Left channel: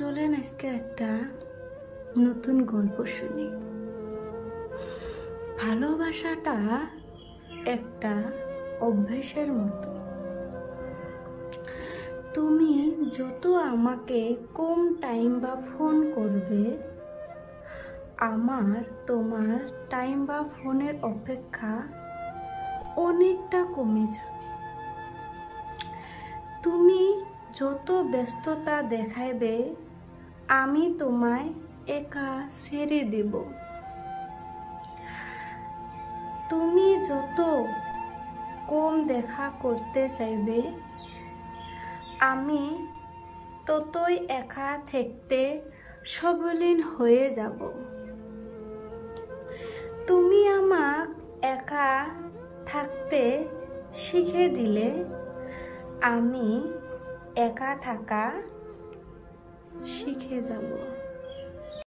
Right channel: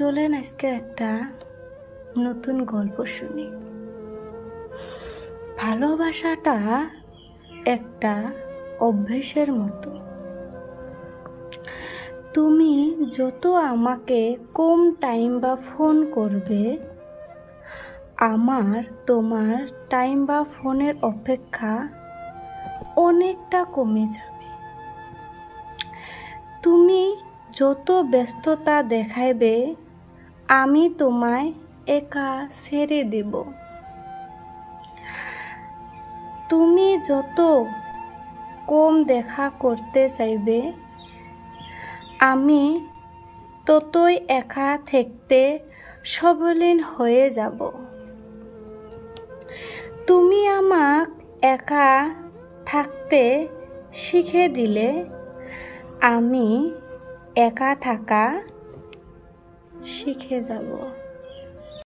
চলেন আজকে একটা নতুন গল্প শুনি। ভালোবাসাটা একটা অভ্যাসের মতো। তুমি যত আমাকে কম টাইম বা ফোন করবে, আমার তোমার টাইম বা ফোনের অপেক্ষা অনেকটা কমে যাবে। তুমি যত ব্যস্ততা দেখাইবে, আমি তোমায় একা ছেড়ে দেব। তুমি যত কম দেখা করতে চাইবে, আমি ততই একা থাকতে সবলীন হয়ে যাব। তুমি আমাক একা থাকতে শিখে দিলে, আমি একা থাকা শিখে যাব।